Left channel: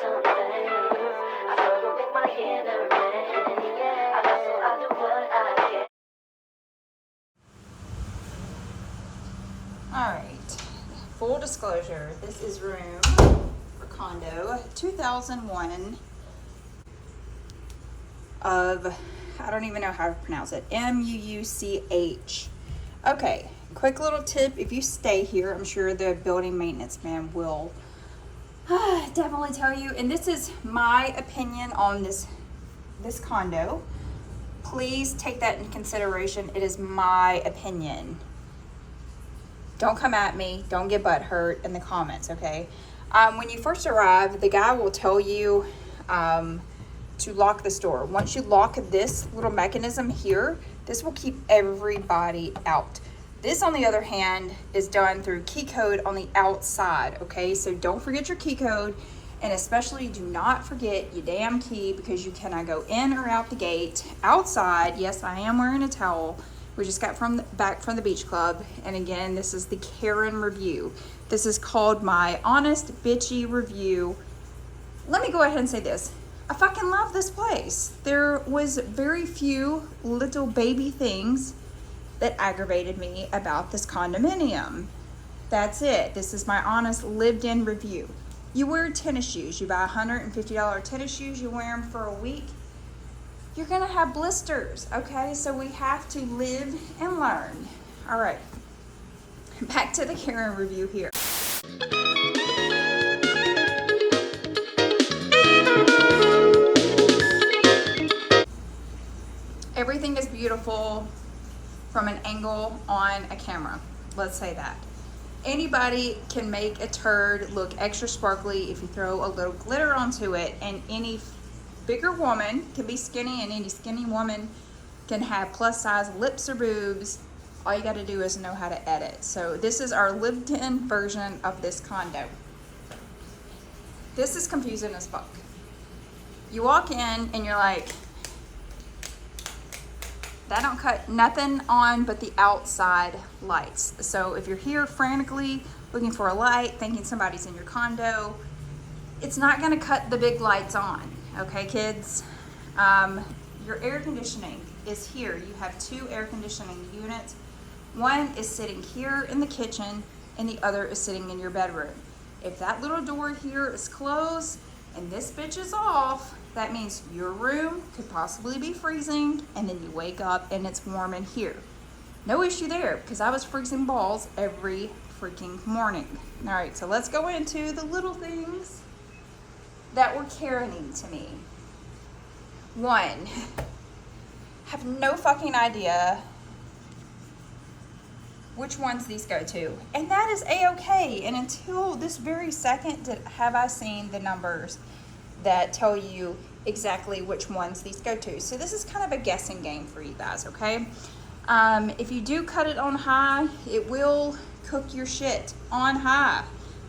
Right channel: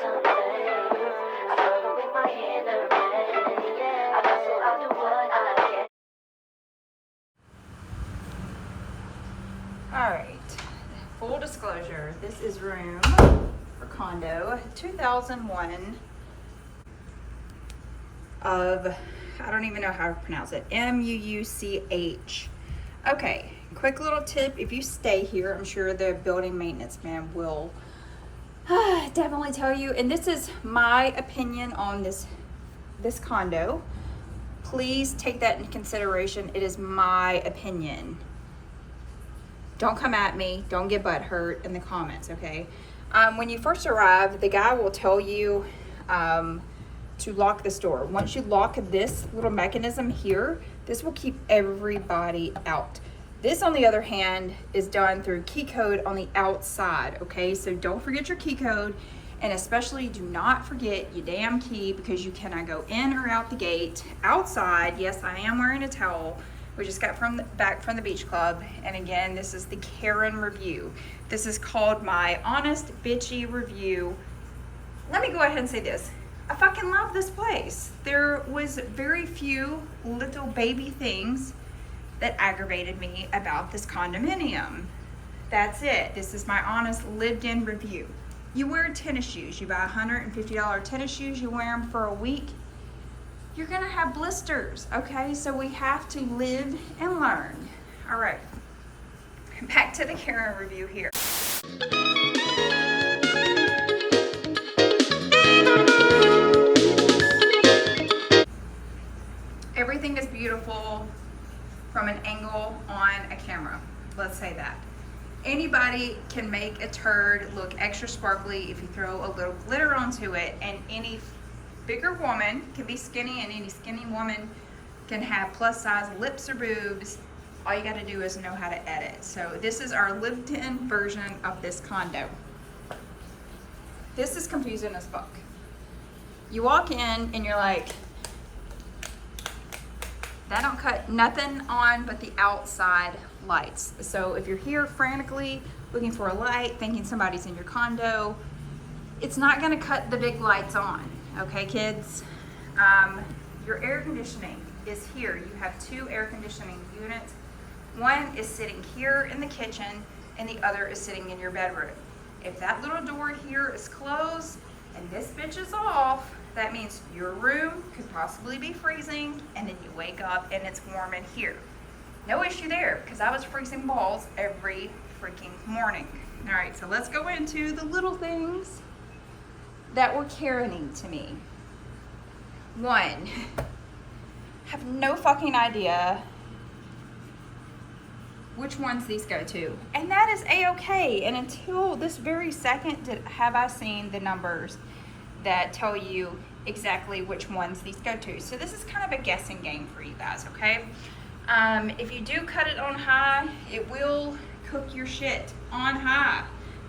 some things. I struggle with my inner man. Yeah, I hustle, I do what I can. All right, full disclosure, this is room for Condo 2001 of, I don't even know how to pronounce it, Mucch. Okay, quick little tip, if you stay here, I'm sure the building maintenance man will definitely tell you, and this is my opinion on this condo. Please take that into consideration. It is my opinion. Don't come at me. Don't get butthurt in the comments, okay? When you first arrive, the guy will tell you to lock this door. Once you lock this little mechanism here, this will keep everybody out. This, on the other hand, is done through key code on the outside, okay? So don't forget your key code, and especially do not forget your damn key, because you cannot go in or out the gate. Outside, yes, I am wearing a towel. We just got back from the beach club, and again, this is the Karen review. This is called my honest bitchy review. Let me go ahead and say this. I fucking love this place. There was very few little baby things that aggravated me about this condominium. That's it. This is my honest lived-in review. You wear tennis shoes. You buy $150 tennis shoes. You wear them for a week. You're gonna have blisters, okay? So we have to live and learn. All right, back to the Karen review here. Everything is beautiful from an angle on a camera. Let's say that. Anybody can make a turd look extra sparkly if you throw a little glitter onto it, and any bigger woman can be skinny, and any skinny woman can have plus size lips or boobs. All you gotta do is know how to edit. So this is our lived-in version of this condo. This is confusing as fuck. You walk in and you're like, that don't cut nothing on but the outside lights. So if you're here frantically looking for a light, thinking somebody's in your condo, it's not gonna cut the big lights on, okay, kids? Your air conditioning is here. You have two air conditioning units. One is sitting here in the kitchen, and the other is sitting in your bedroom. If that little door here is closed and this bitch is off, that means your room could possibly be freezing, and then you wake up and it's warm in here. No issue there, because I was freezing balls every freaking morning. All right, so let's go into the little things that were Karening to me. One, have no fucking idea which ones these go to, and that is a-okay. And until this very second have I seen the numbers that tell you exactly which ones these go to. So this is kind of a guessing game for you guys, okay? If you do cut it on high, it will cook your shit on high,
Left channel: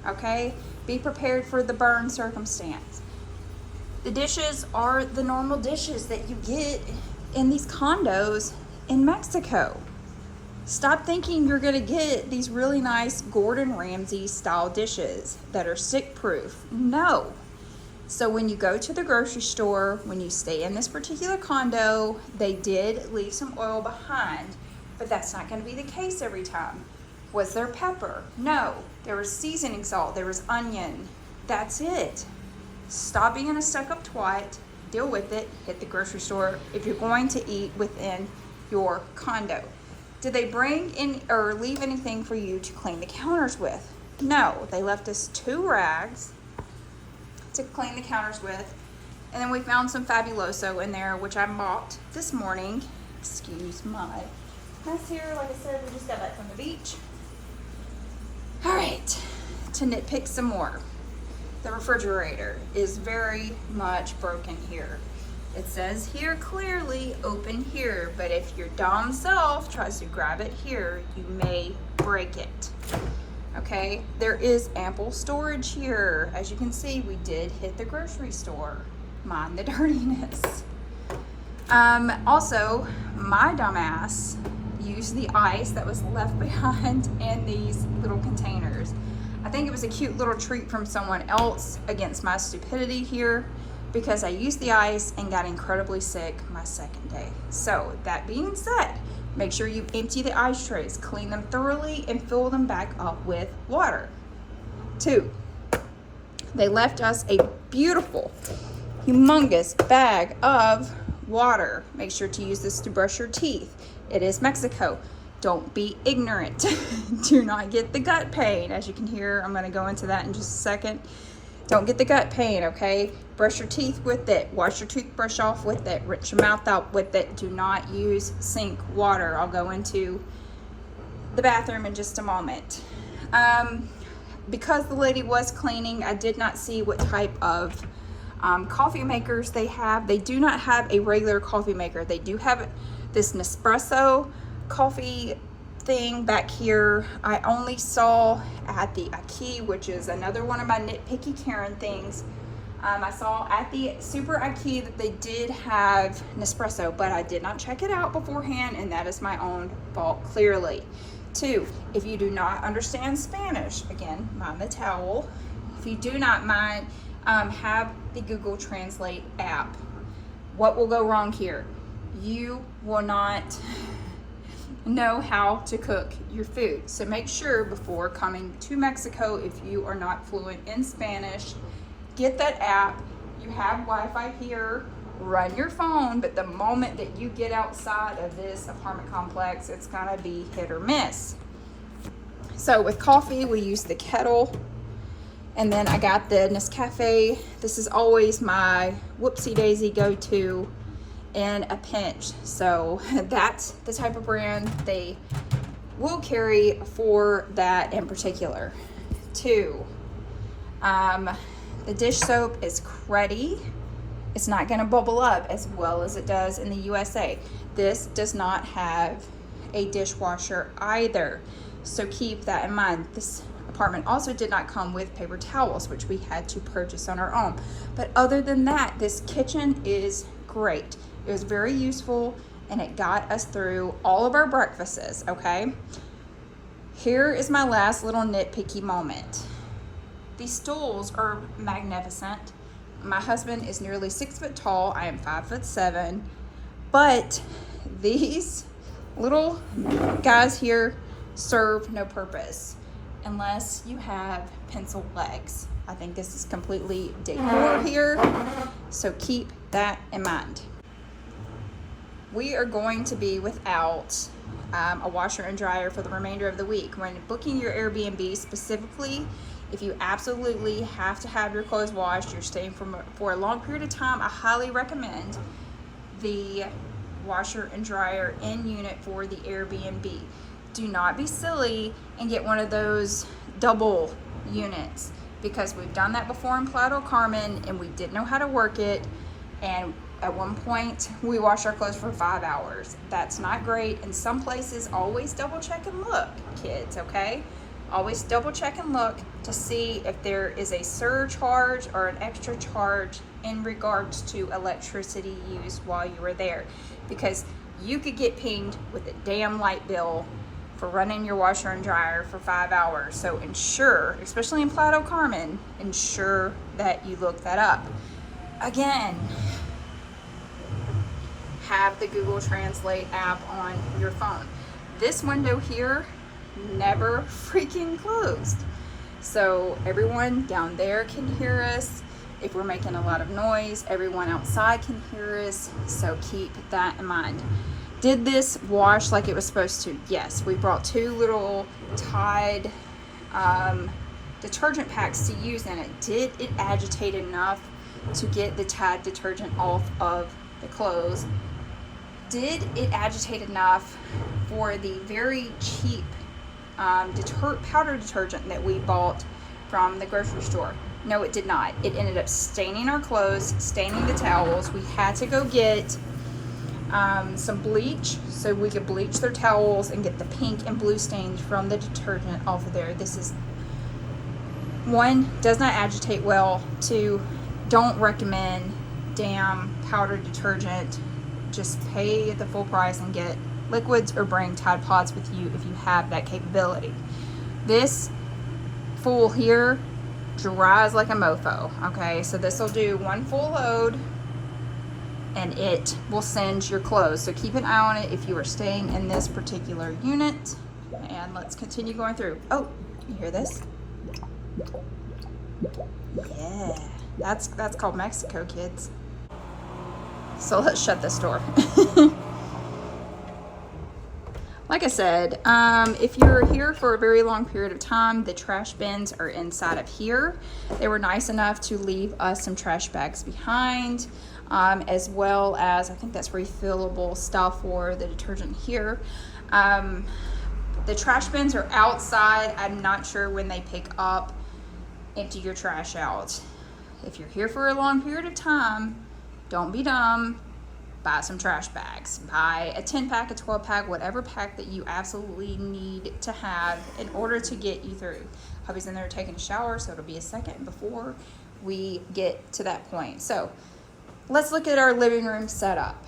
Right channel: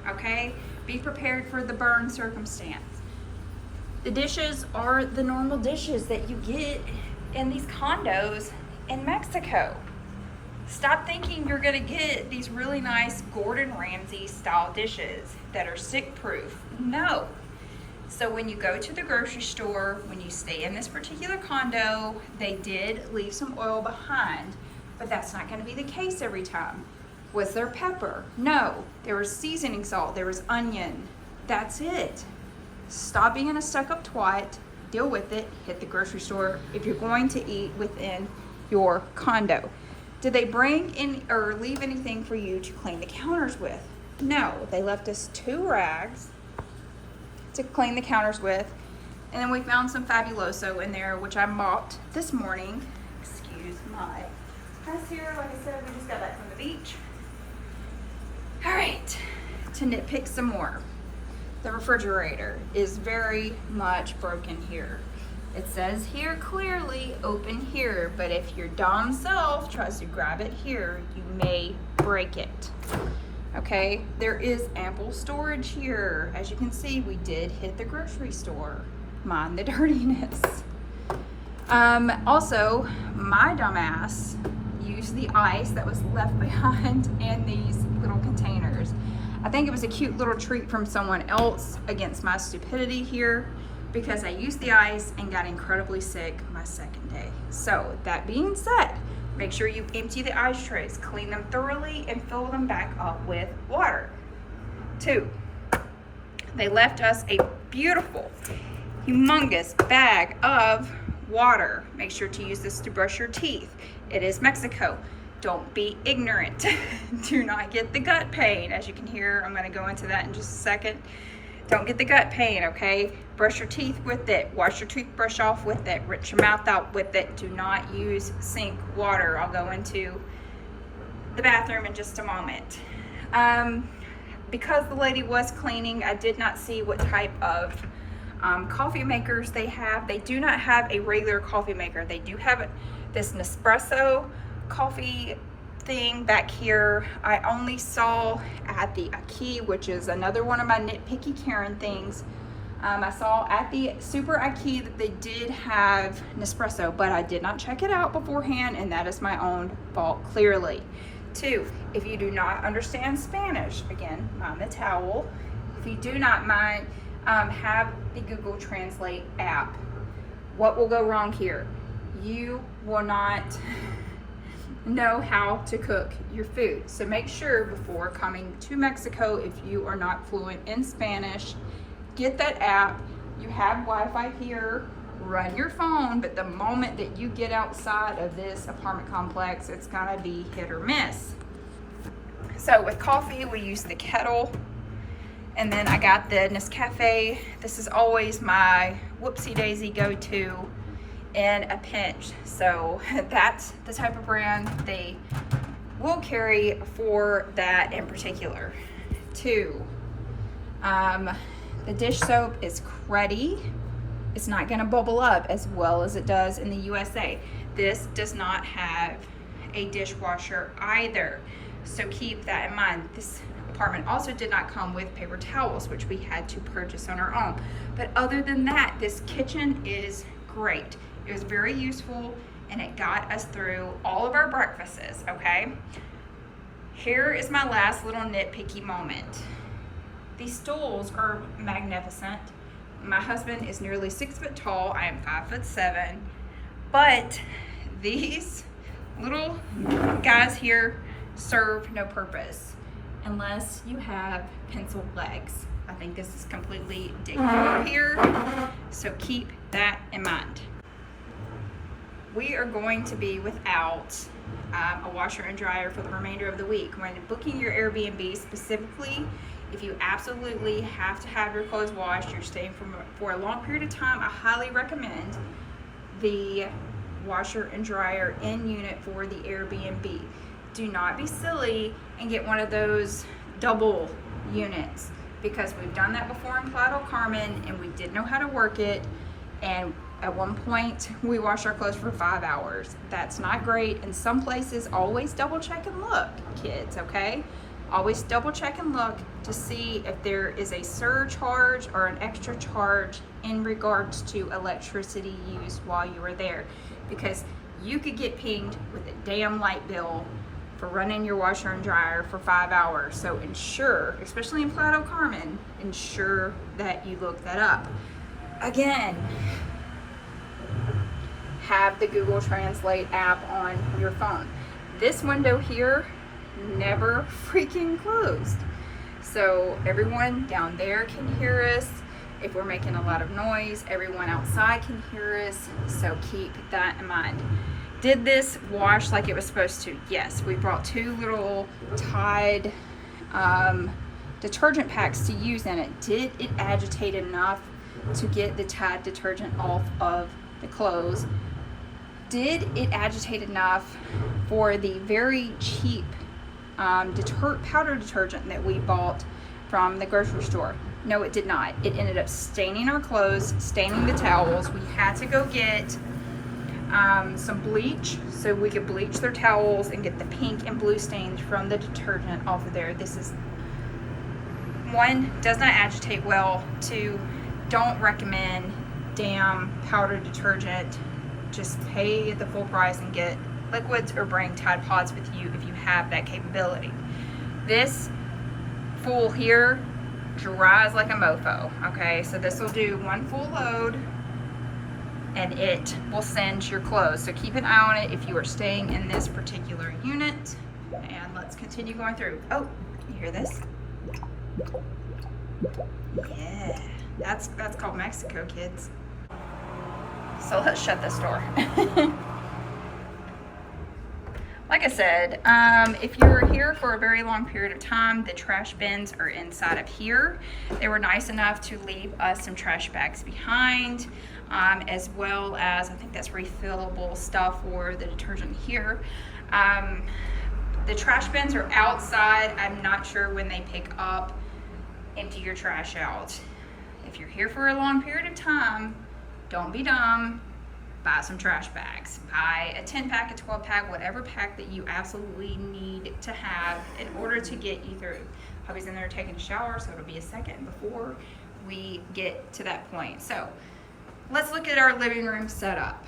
okay? Be prepared for the burn circumstance. The dishes are the normal dishes that you get in these condos in Mexico. Stop thinking you're gonna get these really nice Gordon Ramsay style dishes that are sick proof. No. So when you go to the grocery store, when you stay in this particular condo, they did leave some oil behind, but that's not gonna be the case every time. Was there pepper? No. There was seasoning salt, there was onion. That's it. Stop being a stuck-up twat, deal with it, hit the grocery store if you're going to eat within your condo. Did they bring in or leave anything for you to clean the counters with? No, they left us 2 rags to clean the counters with, and then we found some Fabuloso in there, which I bought this morning. Excuse my mess here. Like I said, we just got back from the beach. All right, to nitpick some more. The refrigerator is very much broken here. It says here clearly, open here, but if your dumb self tries to grab it here, you may break it. Okay, there is ample storage here. As you can see, we did hit the grocery store. Mind the dirtiness. Also, my dumbass used the ice that was left behind in these little containers. I think it was a cute little treat from someone else against my stupidity here, because I used the ice and got incredibly sick my second day. So that being said, make sure you empty the ice trays, clean them thoroughly, and fill them back up with water. 2, they left us a beautiful, humongous bag of water. Make sure to use this to brush your teeth. It is Mexico. Don't be ignorant. Do not get the gut pain. As you can hear, I'm going to go into that in just a second. Don't get the gut pain, okay? Brush your teeth with it. Wash your toothbrush off with it. Rinse your mouth out with it. Do not use sink water. I'll go into the bathroom in just a moment. Because the lady was cleaning, I did not see what type of coffee makers they have. They do not have a regular coffee maker. They do have this Nespresso coffee thing back here. I only saw at the IKEA, which is another one of my nitpicky Karen things. I saw at the Super IKEA that they did have Nespresso, but I did not check it out beforehand, and that is my own fault, clearly. 2, if you do not understand Spanish, again, mind the towel. If you do not mind, have the Google Translate app. What will go wrong here? You will not know how to cook your food. So make sure before coming to Mexico, if you are not fluent in Spanish, get that app. You have Wi-Fi here, run your phone, but the moment that you get outside of this apartment complex, it's gonna be hit or miss. So with coffee, we use the kettle, and then I got the Nescafe. This is always my whoopsie daisy go-to in a pinch. So that's the type of brand they will carry for that in particular. 2, the dish soap is cruddy. It's not gonna bubble up as well as it does in the USA. This does not have a dishwasher either. So keep that in mind. This apartment also did not come with paper towels, which we had to purchase on our own. But other than that, this kitchen is great. It was very useful, and it got us through all of our breakfasts, okay? Here is my last little nitpicky moment. These stools are magnificent. My husband is nearly 6 foot tall. I am 5'7", but these little guys here serve no purpose unless you have pencil legs. I think this is completely decor here, so keep that in mind. We are going to be without a washer and dryer for the remainder of the week. When booking your Airbnb specifically, if you absolutely have to have your clothes washed, you're staying for a long period of time, I highly recommend the washer and dryer in unit for the Airbnb. Do not be silly and get one of those double units, because we've done that before in Playa del Carmen and we didn't know how to work it, and at one point we washed our clothes for 5 hours. That's not great. In some places, always double check and look, kids, okay? Always double check and look to see if there is a surcharge or an extra charge in regards to electricity used while you were there, because you could get pinged with a damn light bill for running your washer and dryer for 5 hours. So ensure, especially in Playa del Carmen, ensure that you look that up. Again, have the Google Translate app on your phone. This window here never freaking closed. So everyone down there can hear us. If we're making a lot of noise, everyone outside can hear us. So keep that in mind. Did this wash like it was supposed to? Yes, we brought 2 little Tide detergent packs to use in it. Did it agitate enough to get the Tide detergent off of the clothes? Did it agitate enough for the very cheap powder detergent that we bought from the grocery store? No, it did not. It ended up staining our clothes, staining the towels. We had to go get some bleach so we could bleach their towels and get the pink and blue stains from the detergent off of there. This is, 1, does not agitate well. 2, don't recommend damn powder detergent. Just pay the full price and get liquids, or bring Tide Pods with you if you have that capability. This full here dries like a mofo. Okay, so this will do one full load and it will singe your clothes. So keep an eye on it if you are staying in this particular unit. And let's continue going through. Oh, you hear this? Yeah, that's called Mexico, kids. So let's shut this door. Like I said, if you're here for a very long period of time, the trash bins are inside of here. They were nice enough to leave us some trash bags behind, as well as, I think that's refillable stuff for the detergent here. The trash bins are outside. I'm not sure when they pick up. Empty your trash out. If you're here for a long period of time, don't be dumb. Buy some trash bags. Buy a 10 pack, a 12 pack, whatever pack that you absolutely need to have in order to get you through. Hubby's in there taking a shower, so it'll be a second before we get to that point. So let's look at our living room setup.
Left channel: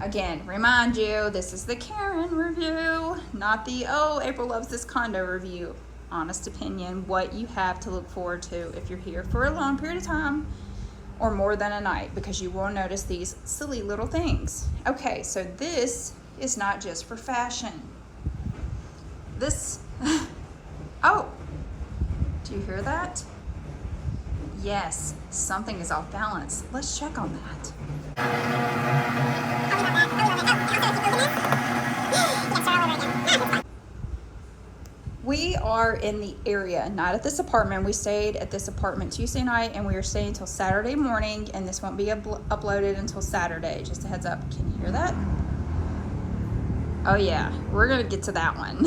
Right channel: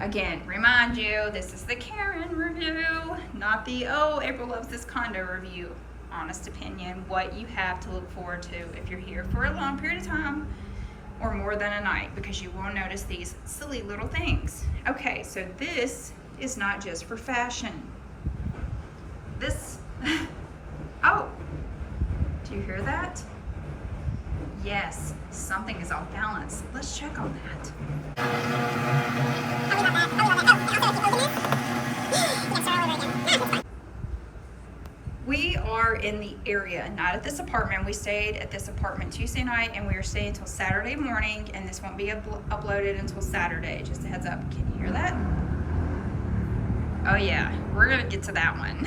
Again, remind you, this is the Karen review, not the, oh, April loves this condo review. Honest opinion, what you have to look forward to if you're here for a long period of time or more than a night, because you will notice these silly little things. Okay, so this is not just for fashion. This, oh, do you hear that? Yes, something is off balance. Let's check on that. We are in the area, not at this apartment. We stayed at this apartment Tuesday night and we are staying until Saturday morning, and this won't be uploaded until Saturday. Just a heads up. Can you hear that? Oh yeah, we're gonna get to that one.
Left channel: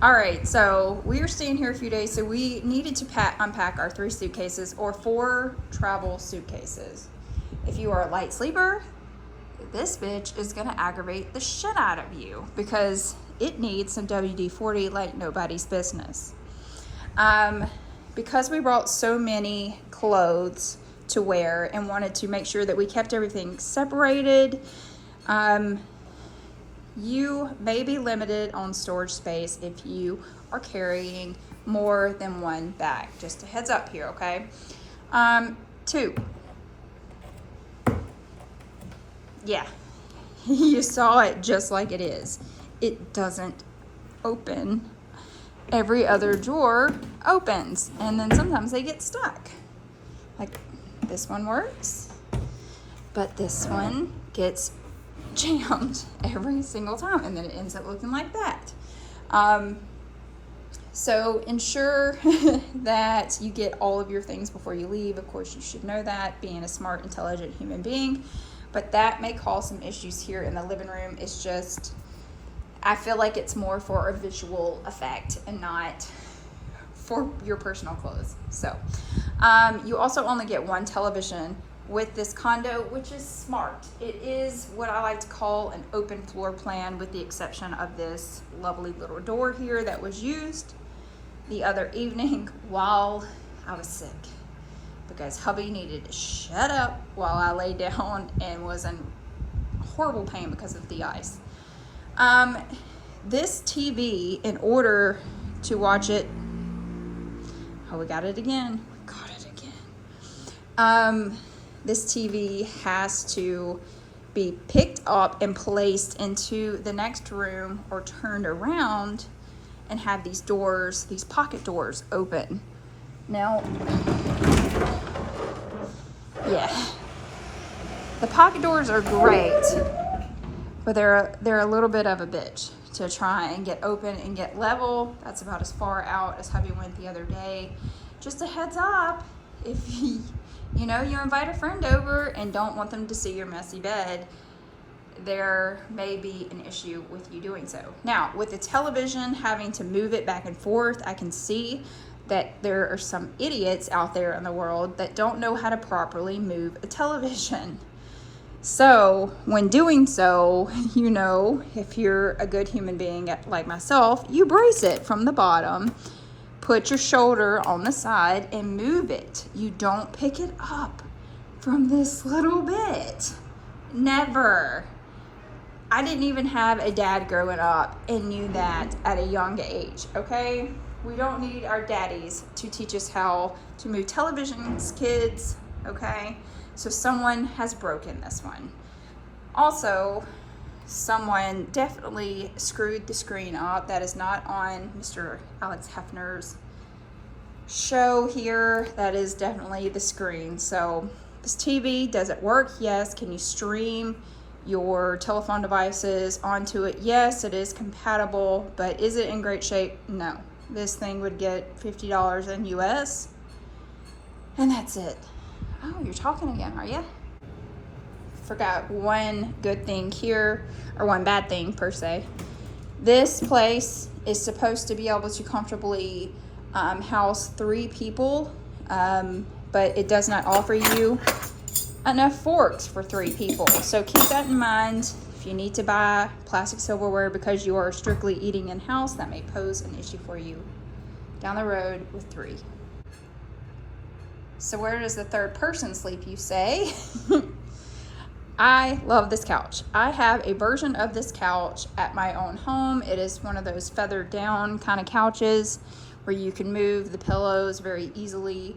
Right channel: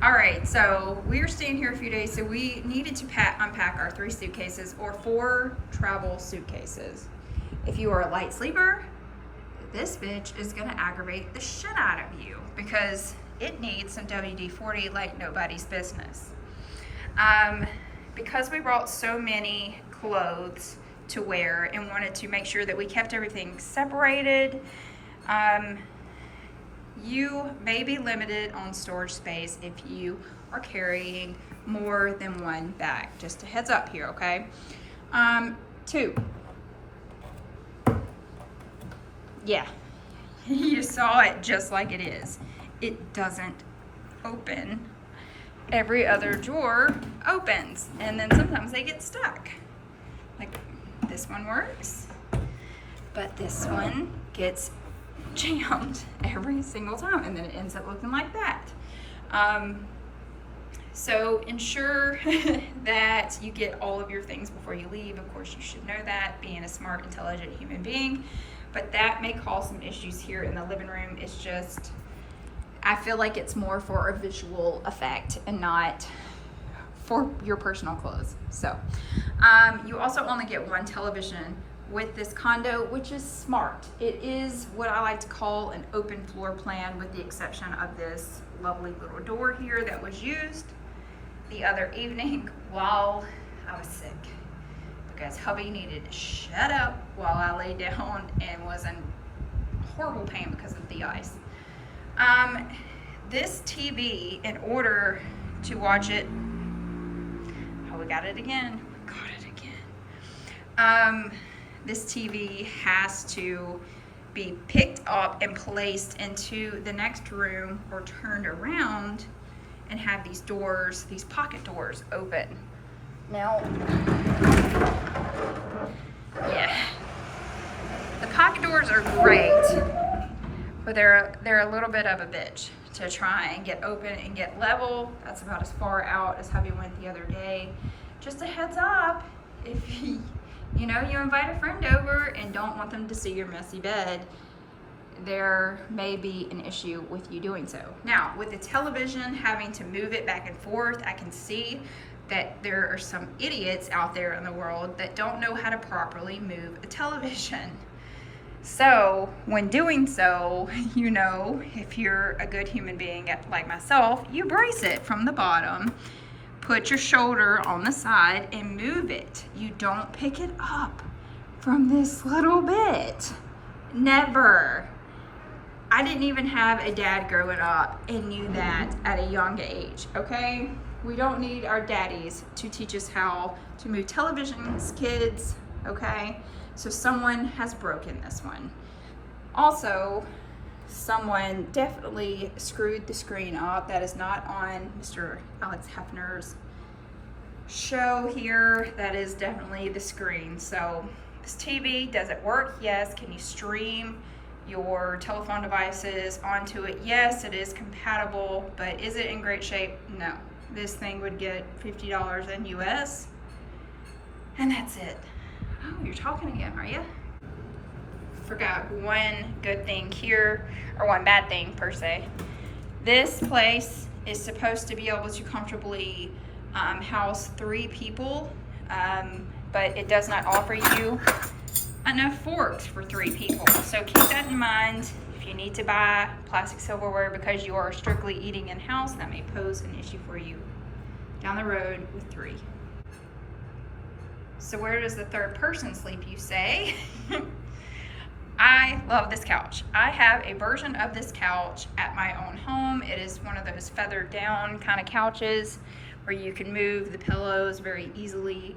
All right, so we are staying here a few days, so we needed to unpack our 3 suitcases or 4 travel suitcases. If you are a light sleeper, this bitch is gonna aggravate the shit out of you because it needs some WD-40 like nobody's business. Because we brought so many clothes to wear and wanted to make sure that we kept everything separated, you may be limited on storage space if you are carrying more than one bag. Just a heads up here, okay? 2. Yeah, you saw it just like it is. It doesn't open. Every other drawer opens, and then sometimes they get stuck. Like this one works, but this one gets jammed every single time, and then it ends up looking like that. So ensure that you get all of your things before you leave. Of course, you should know that, being a smart, intelligent human being, but that may cause some issues here in the living room. It's just, I feel like it's more for a visual effect and not for your personal clothes. So you also only get 1 television with this condo, which is smart. It is what I like to call an open floor plan, with the exception of this lovely little door here that was used the other evening while I was sick, because hubby needed to shut up while I lay down and was in horrible pain because of the ice. This TV, in order to watch it, oh, we got it again. This TV has to be picked up and placed into the next room or turned around and have these doors, these pocket doors, open. Now, yeah, the pocket doors are great, but they're a little bit of a bitch to try and get open and get level. That's about as far out as hubby went the other day. Just a heads up, if you invite a friend over and don't want them to see your messy bed, there may be an issue with you doing so. Now, with the television, having to move it back and forth, I can see that there are some idiots out there in the world that don't know how to properly move a television. So when doing so, if you're a good human being like myself, you brace it from the bottom, put your shoulder on the side and move it. You don't pick it up from this little bit. Never. I didn't even have a dad growing up and knew that at a young age, okay? We don't need our daddies to teach us how to move televisions, kids, okay? So someone has broken this one. Also, someone definitely screwed the screen up. That is not on Mr. Alex Hefner's show here. That is definitely the screen. So this TV, does it work? Yes. Can you stream your telephone devices onto it? Yes, it is compatible, but is it in great shape? No. This thing would get $50 in US, and that's it. Oh, you're talking again, are you? Forgot one good thing here, or one bad thing per se. This place is supposed to be able to comfortably house 3 people, but it does not offer you enough forks for 3 people. So keep that in mind. If you need to buy plastic silverware because you are strictly eating in-house, that may pose an issue for you down the road with 3. So where does the third person sleep, you say? I love this couch. I have a version of this couch at my own home. It is one of those feathered down kind of couches where you can move the pillows very easily.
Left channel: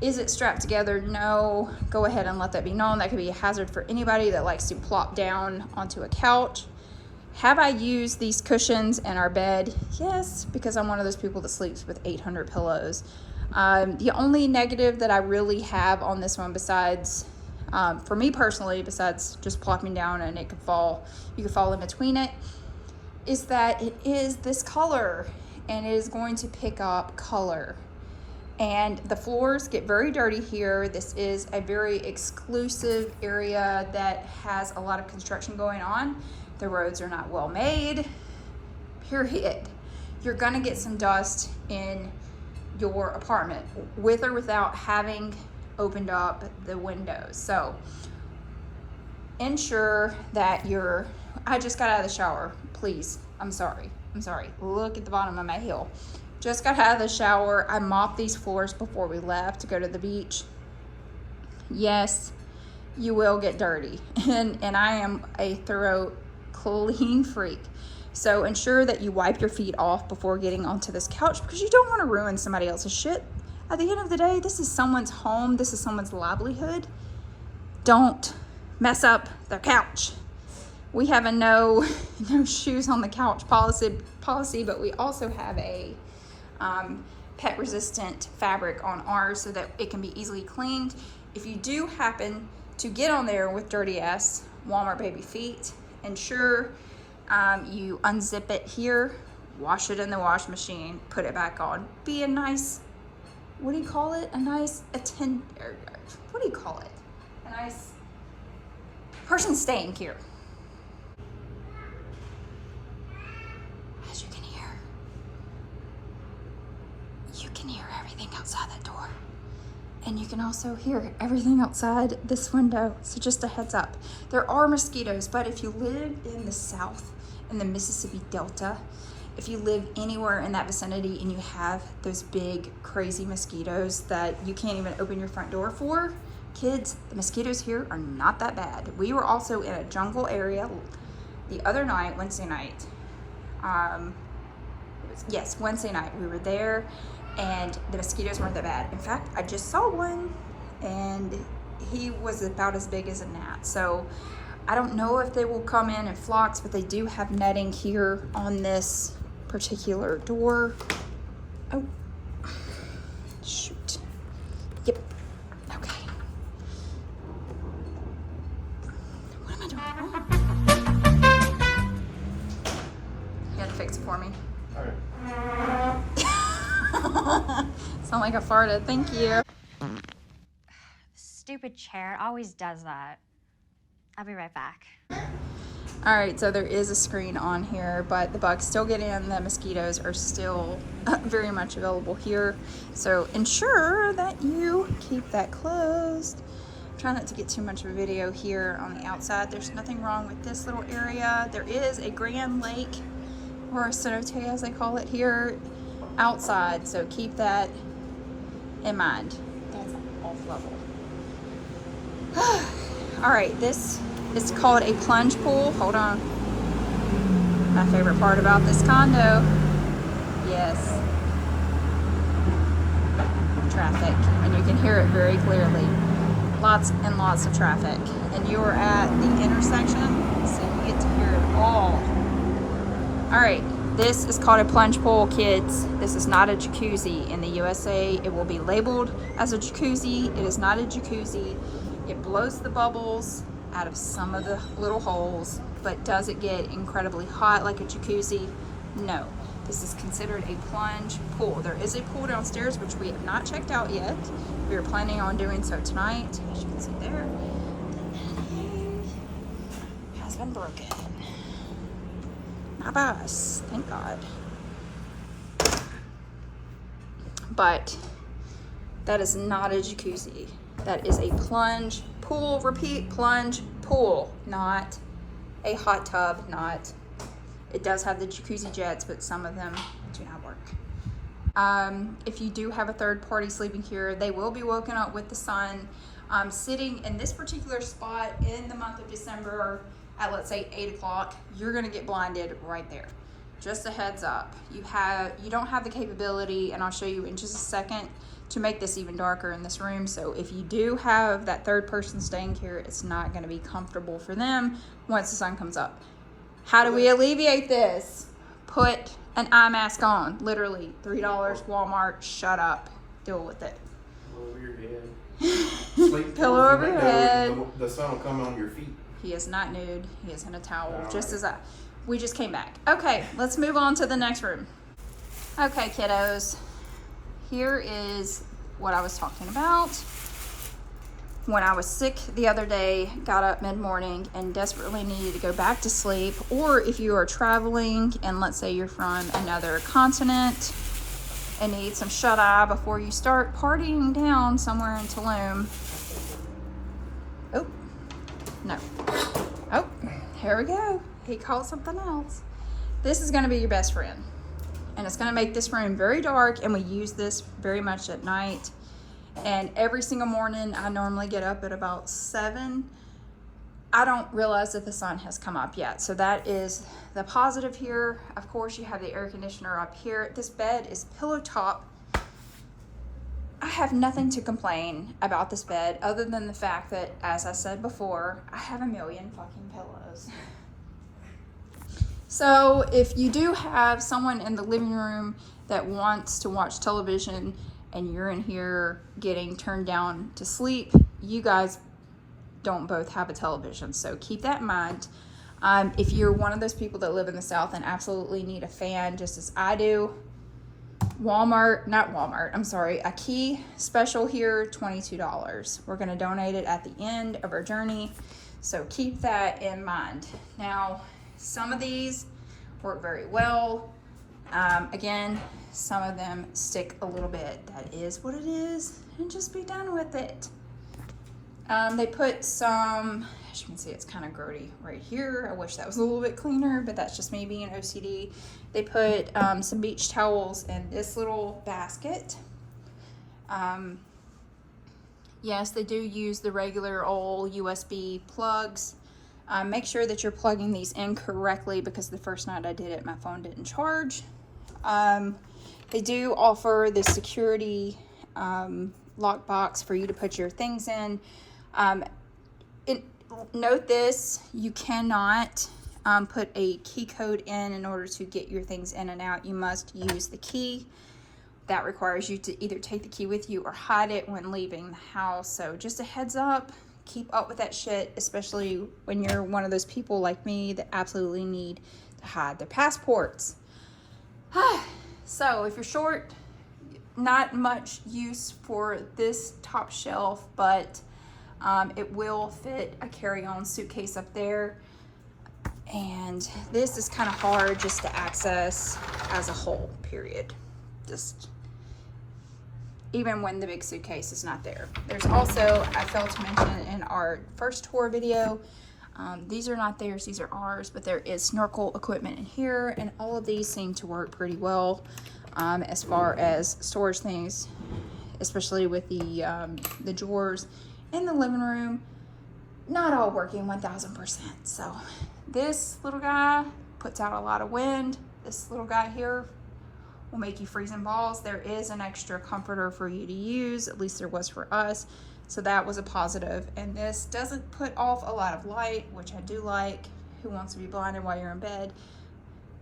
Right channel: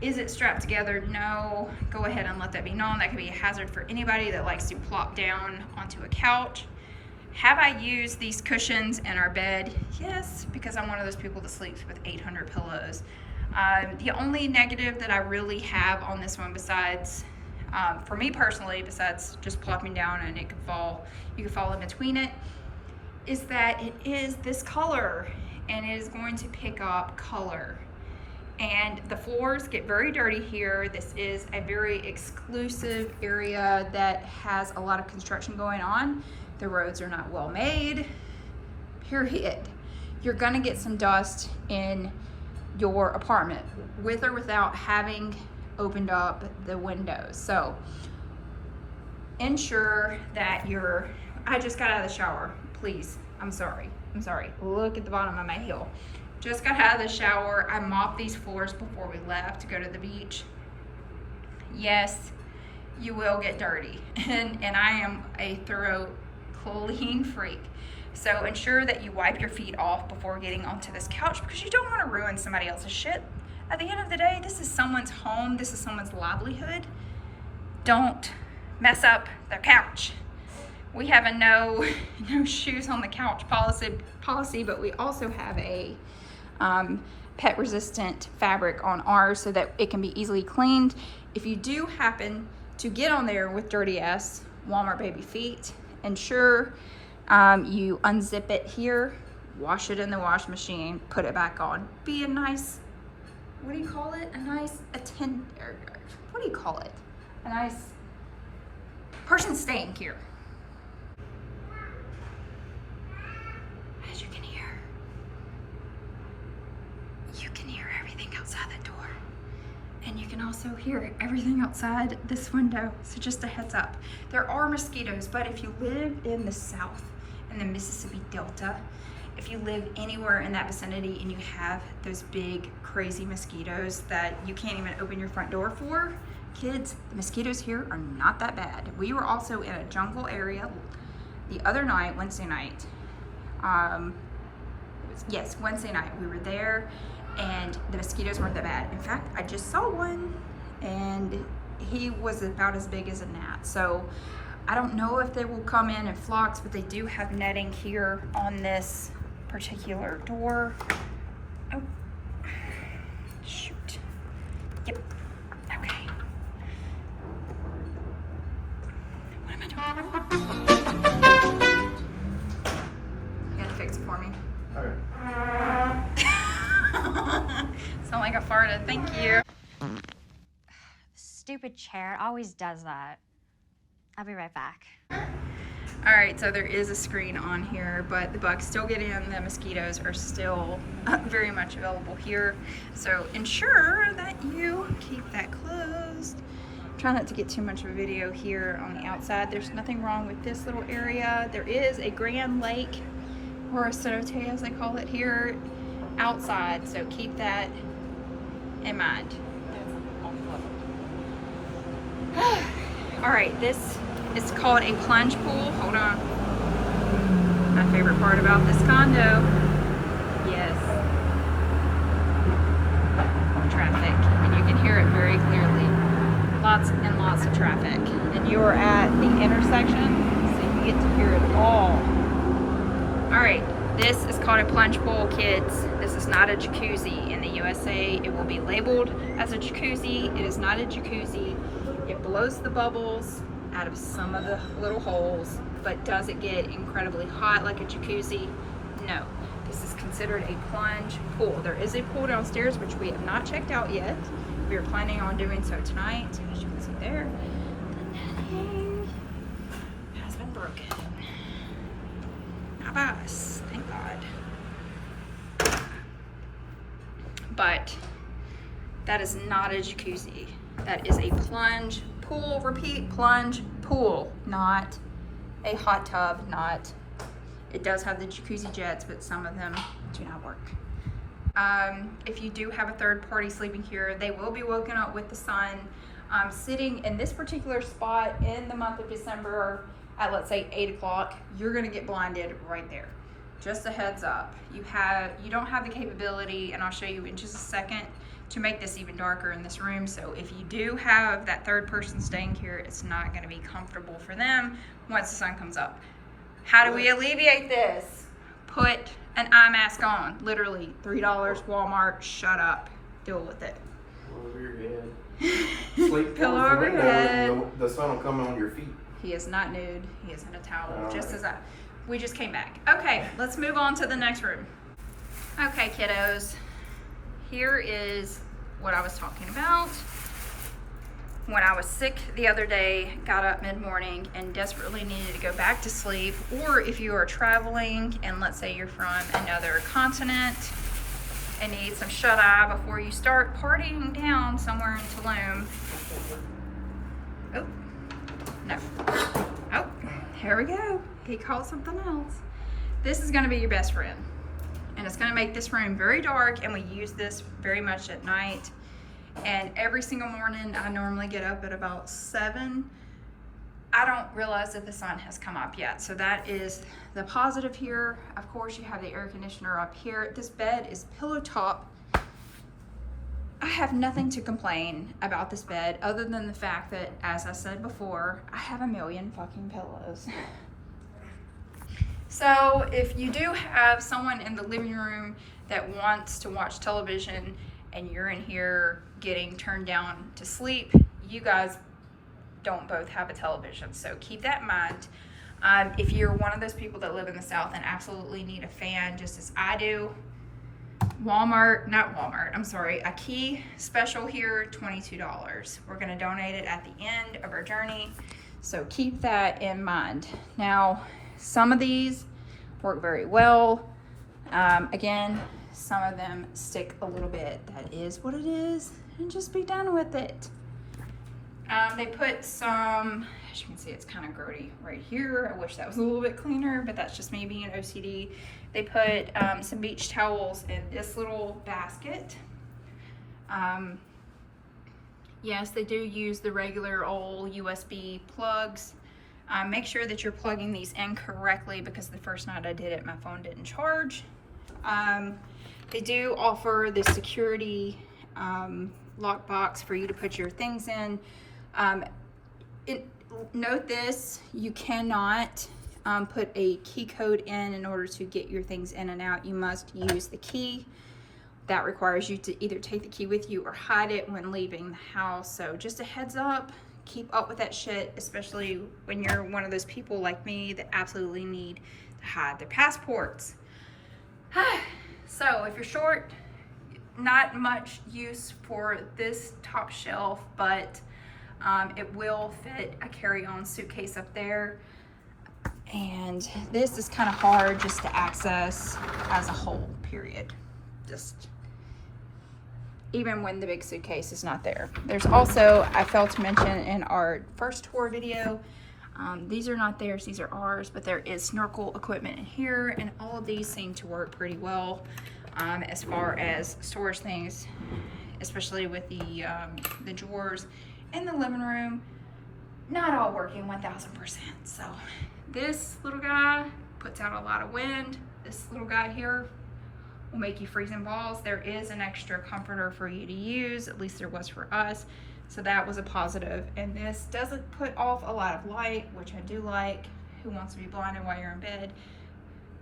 Is it strapped together? No. Go ahead and let that be known. That could be a hazard for anybody that likes to plop down onto a couch. Have I used these cushions in our bed? Yes, because I'm one of those people that sleeps with 800 pillows. The only negative that I really have on this one, besides, for me personally, besides just plopping down and it could fall, you could fall in between it, is that it is this color and it is going to pick up color. And the floors get very dirty here. This is a very exclusive area that has a lot of construction going on. The roads are not well made, period. You're gonna get some dust in your apartment with or without having opened up the windows. So ensure that I just got out of the shower, please. I'm sorry. Look at the bottom of my heel. Just got out of the shower. I mopped these floors before we left to go to the beach. Yes, you will get dirty. And I am a thorough clean freak. So ensure that you wipe your feet off before getting onto this couch because you don't want to ruin somebody else's shit. At the end of the day, this is someone's home. This is someone's livelihood. Don't mess up their couch. We have a no shoes on the couch policy, but we also have a pet resistant fabric on ours so that it can be easily cleaned. If you do happen to get on there with dirty ass Walmart baby feet, ensure you unzip it here, wash it in the wash machine, put it back on. Be a nice, what do you call it? A nice what do you call it? A nice person staying here. As you can hear, you can hear everything outside that door. And you can also hear everything outside this window. So just a heads up. There are mosquitoes, but if you live in the south, in the Mississippi Delta, if you live anywhere in that vicinity and you have those big, crazy mosquitoes that you can't even open your front door for, kids, the mosquitoes here are not that bad. We were also in a jungle area the other night, Wednesday night. Wednesday night. We were there and the mosquitoes weren't that bad. In fact, I just saw one and he was about as big as a gnat. So I don't know if they will come in flocks, but they do have netting here on this particular door. Oh, shoot. Yep. Okay. What am I doing? You gotta fix it for me. All right. Sound like I farted. Thank you. Stupid chair always does that. I'll be right back. All right, so there is a screen on here, but the bugs still get in. The mosquitoes are still very much available here. So ensure that you keep that closed. Try not to get too much of a video here on the outside. There's nothing wrong with this little area. There is a grand lake, or a cenote as they call it here, outside. So keep that in mind. All right, this is called a plunge pool. Hold on. My favorite part about this condo. Yes. hear it very clearly. Lots and lots of traffic. And you are at the intersection, so you get to hear it all. All right, this is called a plunge pool, kids. This is not a jacuzzi. In the USA, it will be labeled as a jacuzzi. It is not a jacuzzi. It blows the bubbles out of some of the little holes, but does it get incredibly hot like a jacuzzi? No. This is considered a plunge pool. There is a pool downstairs, which we have not checked out yet. We are planning on doing so tonight. As you can see there, the has been broken. Not by us, thank God. But that is not a jacuzzi. That is a plunge pool. Repeat, plunge pool, not a hot tub, not. It does have the jacuzzi jets, but some of them do not work. If you do have a third party sleeping here, they will be woken up with the sun. Sitting in this particular spot in the month of December at, let's say, 8 o'clock, you're gonna get blinded right there. Just a heads up. You don't have the capability, and I'll show you in just a second, to make this even darker in this room. So if you do have that third person staying here, it's not gonna be comfortable for them once the sun comes up. How do we alleviate this? Put an eye mask on. Literally, $3, Walmart, shut up. Deal with it. Over your head. Sleep Pillow over your head. The sun will come on your feet. He is not nude. He is in a towel, All just right. as we just came back. Okay, let's move on to the next room. Okay, kiddos. Here is what I was talking about. When I was sick the other day, got up mid-morning and desperately needed to go back to sleep, or if you are traveling and let's say you're from another continent and need some shut-eye before you start partying down somewhere in Tulum. Oh, no. Oh, here we go. He called something else. This is gonna be your best friend. And it's gonna make this room very dark, and we use this very much at night. And every single morning, I normally get up at about 7. I don't realize that the sun has come up yet. So that is the positive here. Of course, you have the air conditioner up here. This bed is pillow top. I have nothing to complain about this bed other than the fact that, as I said before, I have a million fucking pillows. So if you do have someone in the living room that wants to watch television and you're in here getting turned down to sleep, you guys don't both have a television. So keep that in mind. If you're one of those people that live in the South and absolutely need a fan, just as I do, a key special here, $22. We're gonna donate it at the end of our journey. So keep that in mind. Now, some of these work very well. Again, some of them stick a little bit. That is what it is, and just be done with it. They put some, as you can see, it's kind of grody right here. I wish that was a little bit cleaner, but that's just me being OCD. They put some beach towels in this little basket. Yes, they do use the regular old USB plugs. Make sure that you're plugging these in correctly, because the first night I did it, my phone didn't charge. They do offer the security lockbox for you to put your things in. Note this, you cannot put a key code in order to get your things in and out. You must use the key. That requires you to either take the key with you or hide it when leaving the house. So just a heads up, keep up with that shit, especially when you're one of those people like me that absolutely need to hide their passports. So if you're short, not much use for this top shelf, but it will fit a carry-on suitcase up there. And this is kind of hard just to access as a whole, period. Just even when the big suitcase is not there. There's also, I failed to mention in our first tour video, these are not theirs, these are ours, but there is snorkel equipment in here, and all of these seem to work pretty well as far as storage things, especially with the drawers in the living room. Not all working 1000%. So this little guy puts out a lot of wind. This little guy here will make you freezing balls. There is an extra comforter for you to use, at least there was for us. So that was a positive. And this doesn't put off a lot of light, which I do like. Who wants to be blinded while you're in bed?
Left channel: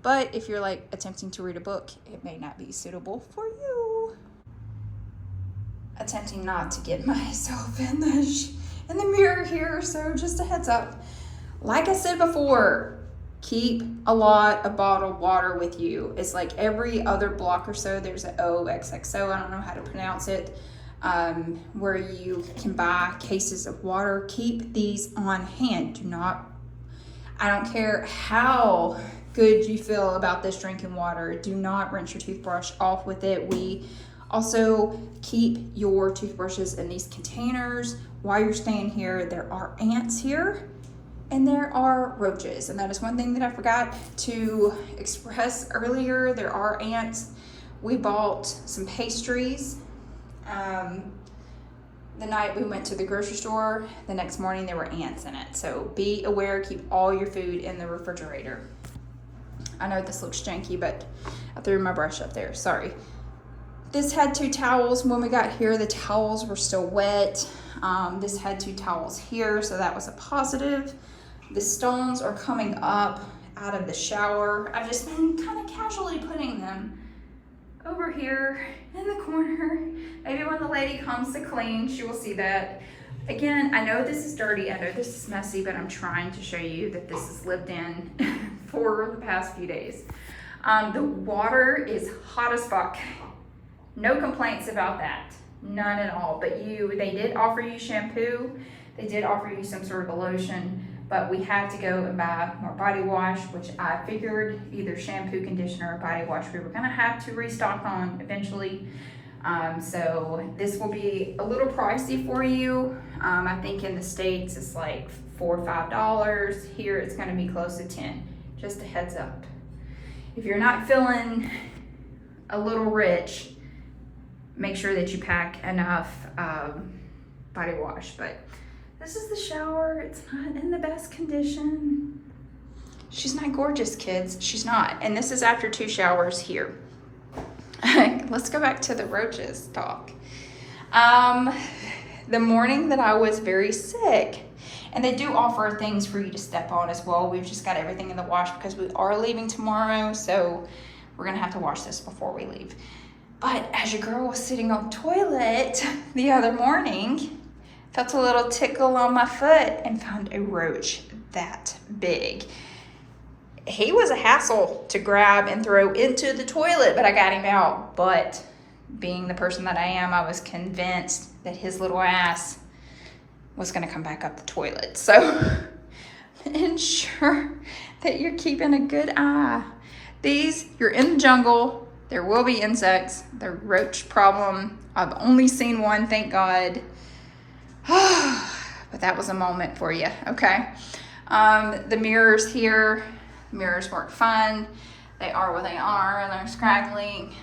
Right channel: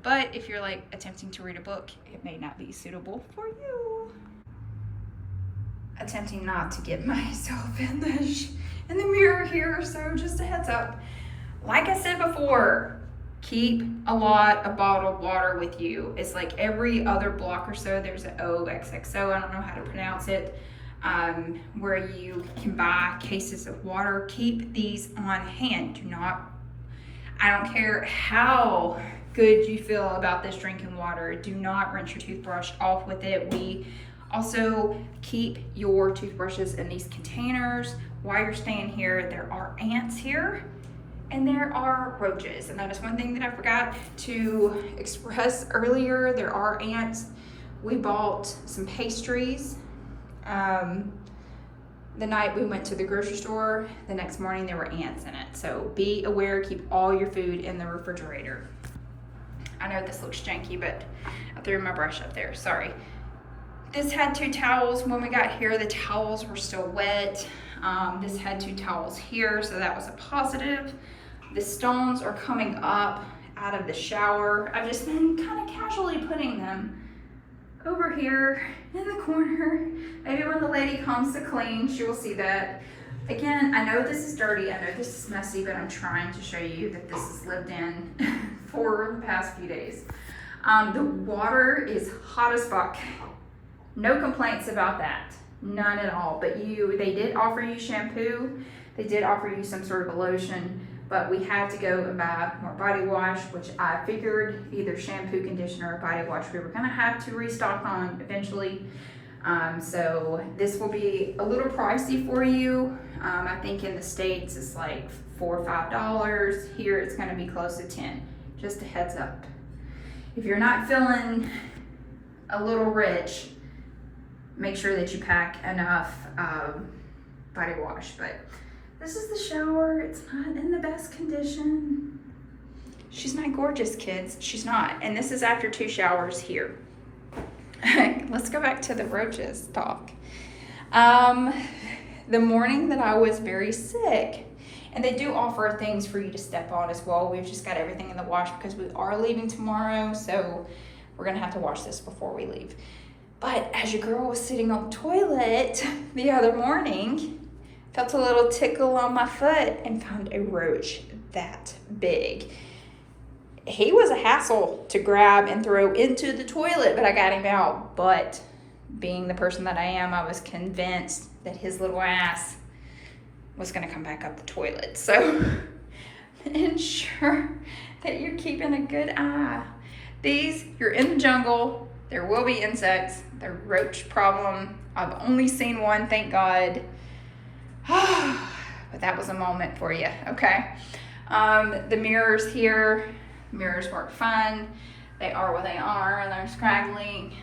But if you're like attempting to read a book, it may not be suitable for you. Attempting not to get myself in the mirror here, so just a heads up. Like I said before, keep a lot of bottled water with you. It's like every other block or so, there's an OXXO, I don't know how to pronounce it, where you can buy cases of water. Keep these on hand. Do not, I don't care how good you feel about this drinking water, do not rinse your toothbrush off with it. We also keep your toothbrushes in these containers. While you're staying here, there are ants here and there are roaches. And that is one thing that I forgot to express earlier. There are ants. We bought some pastries. The night we went to the grocery store, the next morning there were ants in it. So be aware, keep all your food in the refrigerator. I know this looks janky, but I threw my brush up there, sorry. This had 2 towels. When we got here, the towels were still wet. This had 2 towels here, so that was a positive. The stones are coming up out of the shower. I've just been kind of casually putting them over here in the corner. Maybe when the lady comes to clean, she will see that. Again, I know this is dirty, I know this is messy, but I'm trying to show you that this is lived in for the past few days. The water is hot as fuck. No complaints about that, none at all. But they did offer you shampoo, they did offer you some sort of a lotion, but we had to go and buy more body wash, which I figured either shampoo, conditioner, or body wash we were gonna have to restock on eventually. So this will be a little pricey for you. I think in the States it's like $4 or $5. Here it's gonna be close to 10, just a heads up. If you're not feeling a little rich, make sure that you pack enough body wash. But this is the shower. It's not in the best condition. She's not gorgeous, kids. She's not. And this is after 2 showers here. Let's go back to the roaches talk. The morning that I was very sick, and they do offer things for you to step on as well. We've just got everything in the wash because we are leaving tomorrow, so we're gonna have to wash this before we leave. But as your girl was sitting on the toilet the other morning, felt a little tickle on my foot and found a roach that big. He was a hassle to grab and throw into the toilet, but I got him out. But being the person that I am, I was convinced that his little ass was gonna come back up the toilet. So ensure that you're keeping a good eye. You're in the jungle, there will be insects. The roach problem, I've only seen one, thank God. But that was a moment for you, okay? The mirrors here, mirrors work fine. They are what they are, and they're scraggly.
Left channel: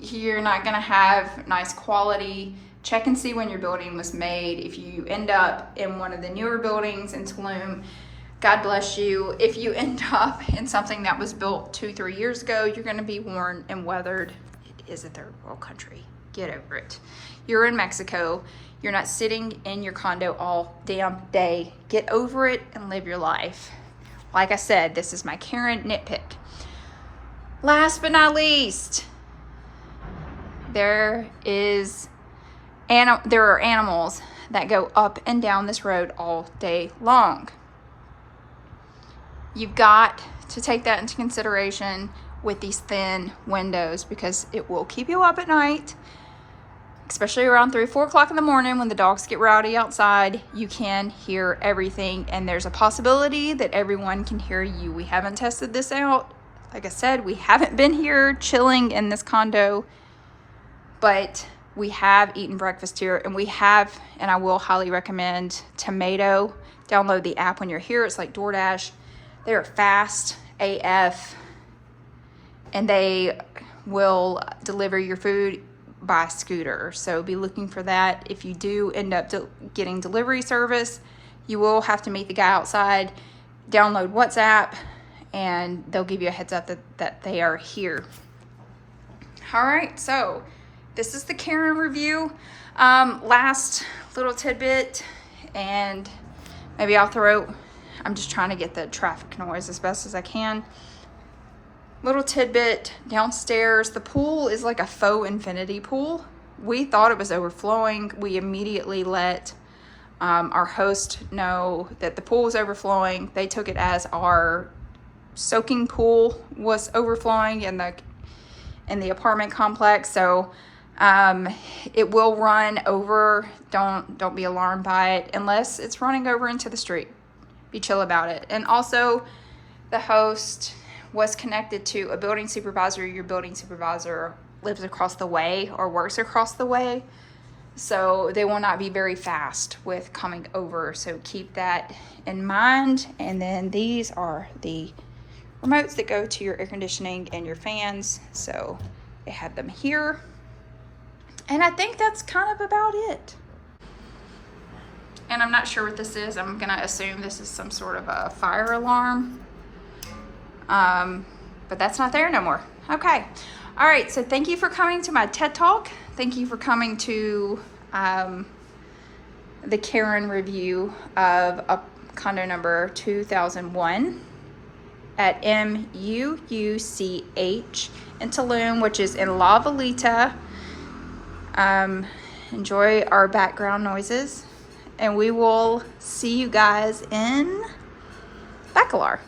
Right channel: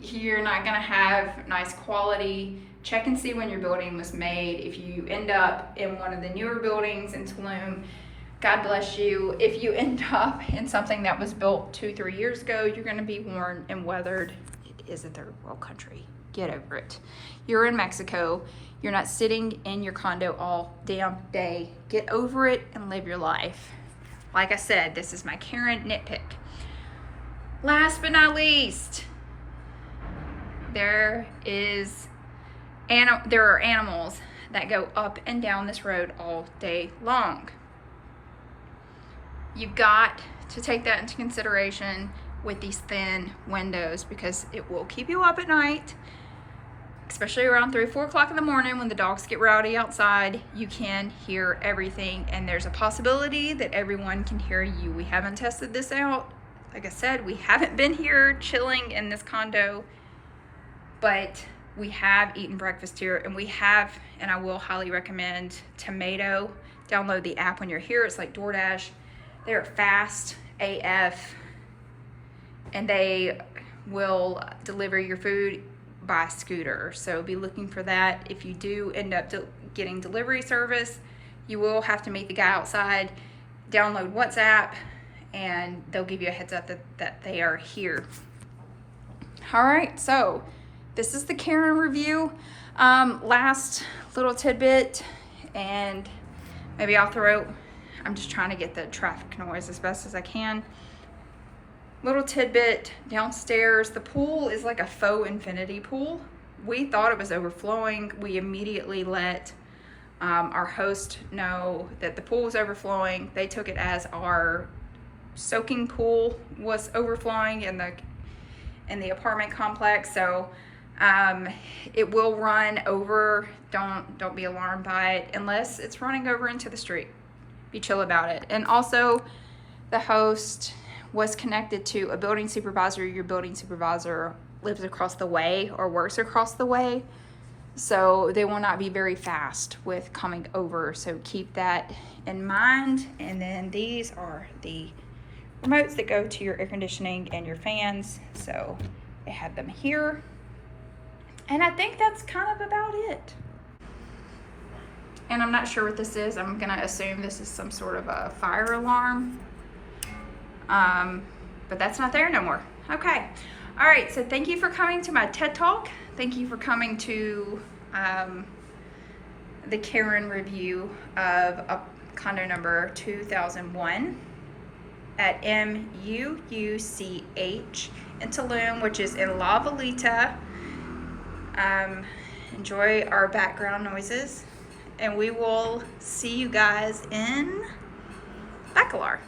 You're not gonna have nice quality. Check and see when your building was made. If you end up in one of the newer buildings in Tulum, God bless you. If you end up in something that was built 2-3 years ago, you're gonna be worn and weathered. It is a third world country. Get over it. You're in Mexico. You're not sitting in your condo all damn day. Get over it and live your life. Like I said, this is my Karen nitpick. Last but not least, there are animals that go up and down this road all day long. You've got to take that into consideration with these thin windows, because it will keep you up at night, especially around 3 or 4 o'clock in the morning when the dogs get rowdy outside. You can hear everything, and there's a possibility that everyone can hear you. We haven't tested this out. Like I said, we haven't been here chilling in this condo, but we have eaten breakfast here, and I will highly recommend Tomato. Download the app when you're here. It's like DoorDash. They're fast AF, and they will deliver your food by scooter. So be looking for that. If you do end up getting delivery service, you will have to meet the guy outside. Download WhatsApp, and they'll give you a heads up that they are here. All right, so this is the Karen review. Last little tidbit, and maybe I'll I'm just trying to get the traffic noise as best as I can. Little tidbit downstairs, the pool is like a faux infinity pool. We thought it was overflowing. We immediately let our host know that the pool was overflowing. They took it as our soaking pool was overflowing in the apartment complex. So it will run over. Don't be alarmed by it unless it's running over into the street. Be chill about it. And also, the host was connected to a building supervisor. Your building supervisor lives across the way or works across the way, so they will not be very fast with coming over, so keep that in mind. And then these are the remotes that go to your air conditioning and your fans, so they have them here. And I think that's kind of about it. And I'm not sure what this is. I'm gonna assume this is some sort of a fire alarm. But that's not there no more. Okay. All right. So thank you for coming to my TED Talk. Thank you for coming to the Karen review of condo number 2001 at Mucch in Tulum, which is in La Veleta. Enjoy our background noises, and we will see you guys in Bacalar.